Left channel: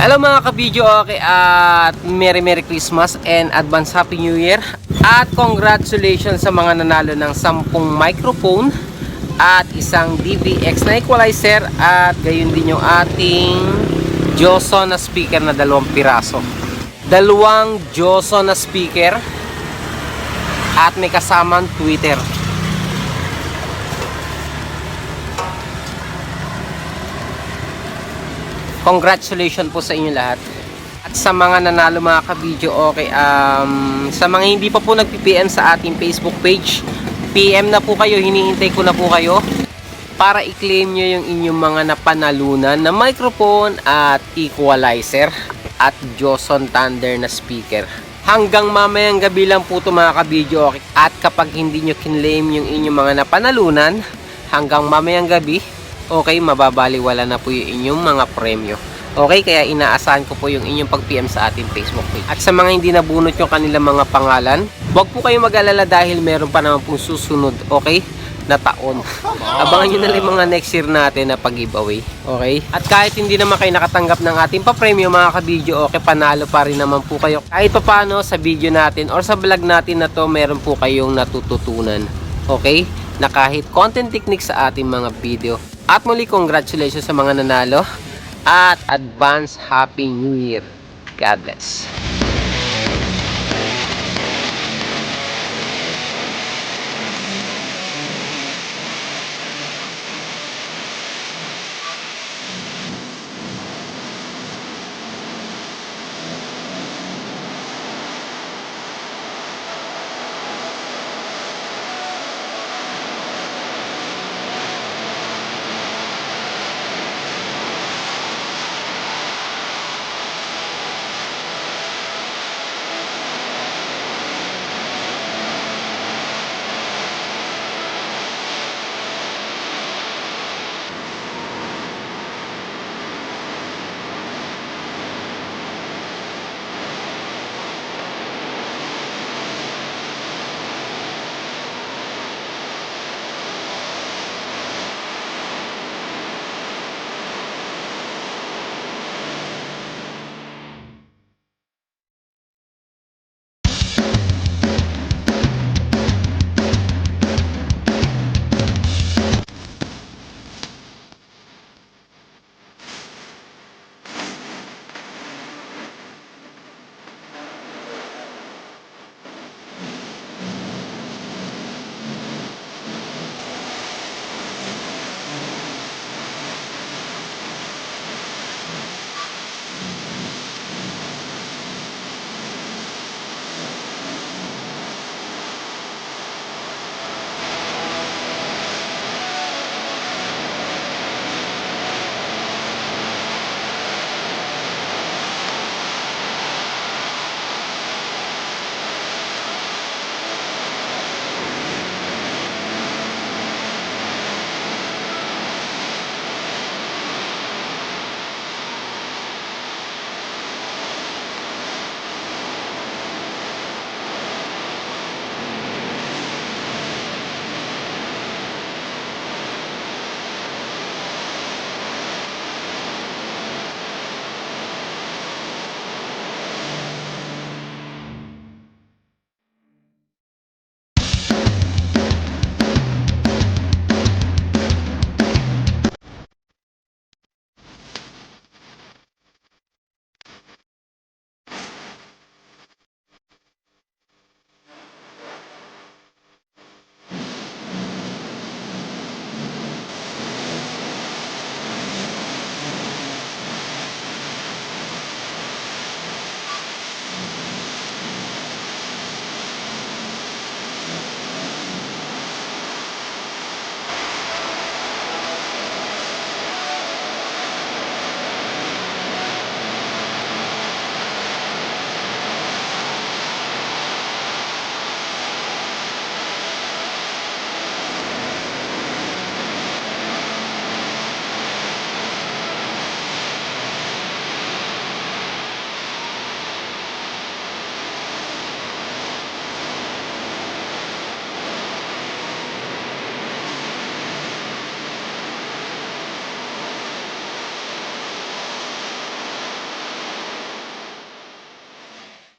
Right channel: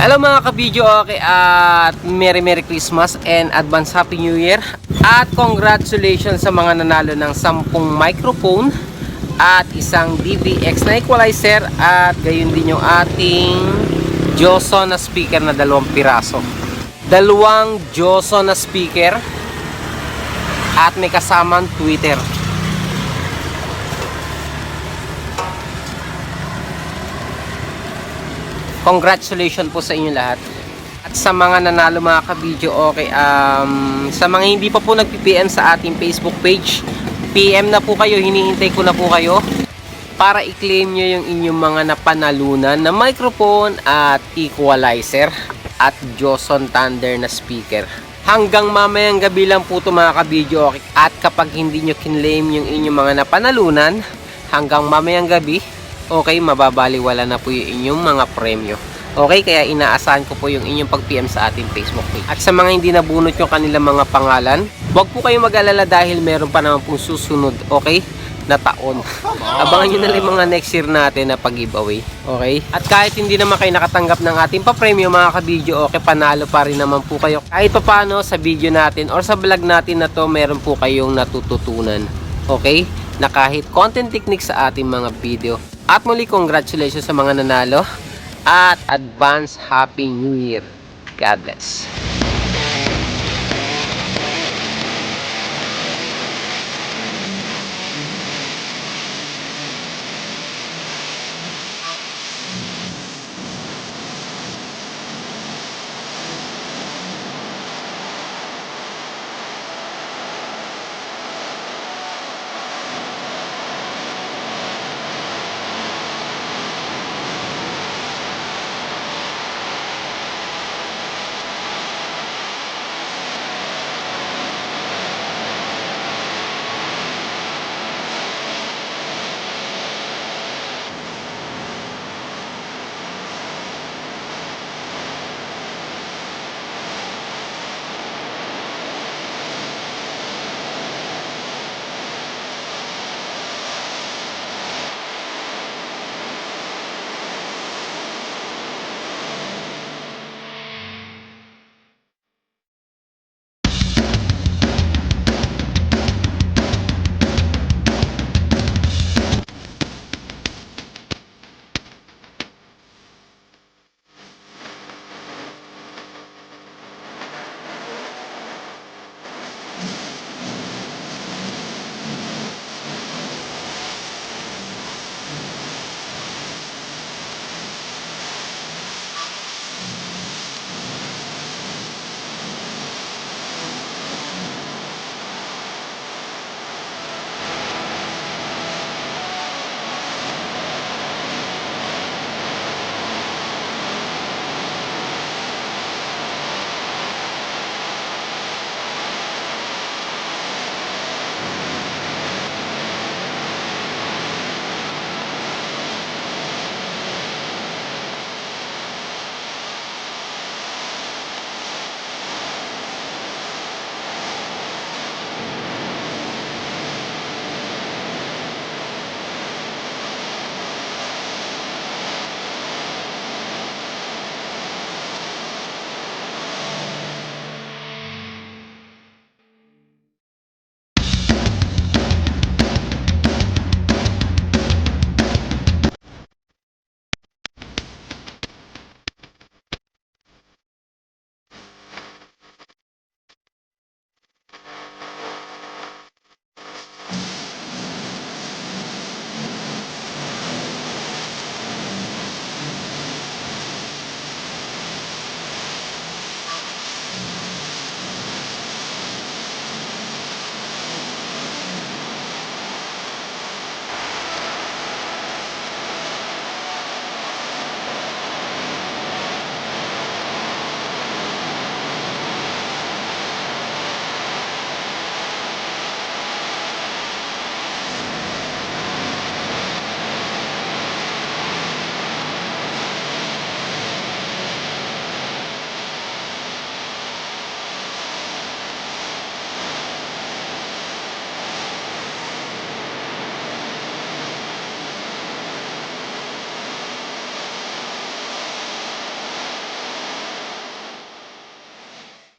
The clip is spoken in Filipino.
Hello mga ka-video, okay, at Merry Christmas and Advance Happy New Year. At congratulations sa mga nanalo ng 10 microphone at isang DBX na equalizer at gayon din yung ating Joson na speaker na 2 piraso. 2 Joson na speaker at may kasamang Twitter. Congratulations po sa inyo lahat. At sa mga nanalo mga ka-video, okay, sa mga hindi pa po nag-PM sa ating Facebook page, PM na po kayo, hinihintay ko na po kayo para i-claim nyo yung inyong mga napanalunan na microphone at equalizer at Joson Thunder na speaker. Hanggang mamayang gabi lang po ito mga ka-video, okay? At kapag hindi nyo kinlaim yung inyong mga napanalunan, hanggang mamayang gabi, okay, mababaliwala na po yung inyong mga premyo. Okay, kaya inaasahan ko po yung inyong pag-PM sa ating Facebook page. At sa mga hindi nabunot yung kanilang mga pangalan, huwag po kayong mag-alala dahil meron pa naman pong susunod, okay, na taon. Abangan nyo na lang mga next year natin na pag-giveaway. Okay? At kahit hindi naman kayo nakatanggap ng ating pa-premyo mga ka-video, okay, panalo pa rin naman po kayo. Kahit pa paano sa video natin or sa vlog natin na to, meron po kayong natututunan. Okay? Na kahit content techniques sa ating mga video. At muli, congratulations sa mga nanalo. At advance Happy New Year. God bless.